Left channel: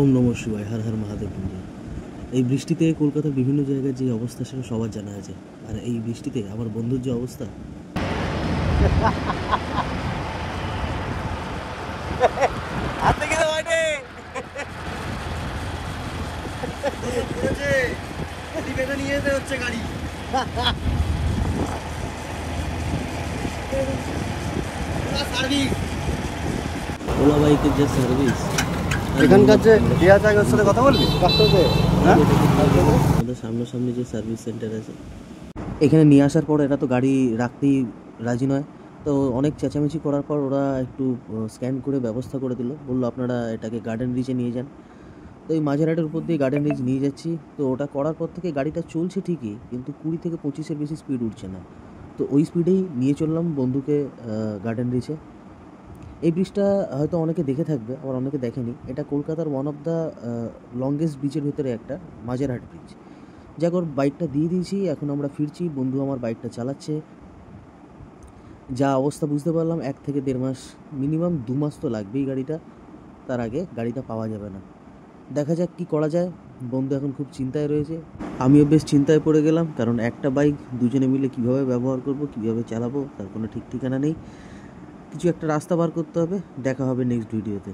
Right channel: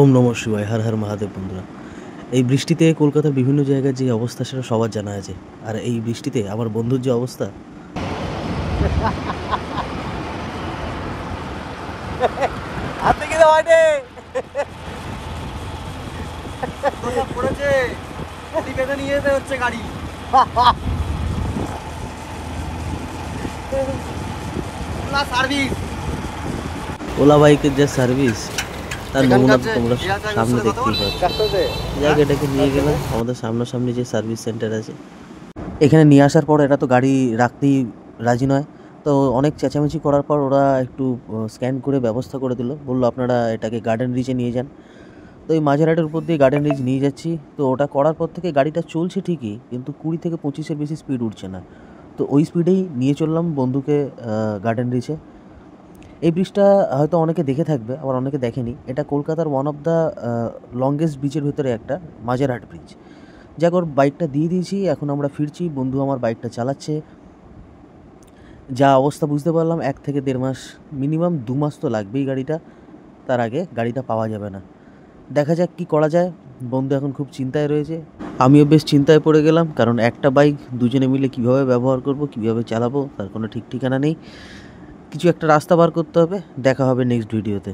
ওম নমঃ শিবায়, হর হর মহাদেব। বন্ধুরা, এই বৃষ্টিতে কলকাতার বিভিন্ন জায়গার যে অবস্থা সেটা সবার জানা আছে। আর এই বৃষ্টিতে আমার বন্ধুর যে অবস্থা, ওলা বাইকের যা সার্ভিস, তার নমুনা তোমরা সামনে দেখতেই পাচ্ছ। যাক, এটাকে নিয়ে গেলাম আমাদের সামনাসামনি যে সার্ভিস সেন্টার আছে এখানে নিয়ে আসার পর এটা তো গাড়ি রাখতেই রাজি নয়। তো অনেক চেঁচামেচি করার পর ওরা একটু স্ক্যান করে ব্যবস্থা করে দিল, বললো আপনারা এটাকে গার্ডেন রিচে নিয়ে যান। তো এই মাঝেরহাটের উপর দিয়ে গার্ডেন রিচ নিয়ে যাচ্ছি। তো ওটা করার পর থেকে গাড়িটা চলছে ঠিকই, কিন্তু 20 থেকে 25-এর বেশি স্পিড উঠছে না। তো ওই স্পিডেই নিয়ে চললাম বন্ধুকে গার্ডেন রিচে। এই ব্রিজটা হয়তো অনেকে দেখে থাকবে, আবার অনেকে দেখেনি। এটা কলকাতার ওয়ান অফ দ্য লংগেস্ট ব্রিজের ভিতরে একটা, মাঝেরহাট ব্রিজ। যাক, ওর বাইকটা দিয়ে দিয়েছি, এখন আমরা ফিরছি। বন্ধু আমার বাইকটা চালাচ্ছে। যা অবস্থা বুঝতে পারলাম, 1 থেকে 1.5 মাস, মিনিমাম 2 মাস তো লাগবেই গাড়িটা। তার আগে গাড়িটা পাওয়া যাবে না। দেখা যাক কি করা যায়। বন্ধু এখন খুব চিন্তায় রয়েছে, আমিও বেশ চিন্তায় পড়ে গেলাম, কারণ একটা বাইক দুজনে মিলে কিভাবে ব্যবহার করব, কিভাবে চালাবো তার কোনো ঠিক ঠিকানা নেই। কিছু একটা রাস্তা বার করতে হবে। দেখা হবে নেক্সট ভিডিওতে।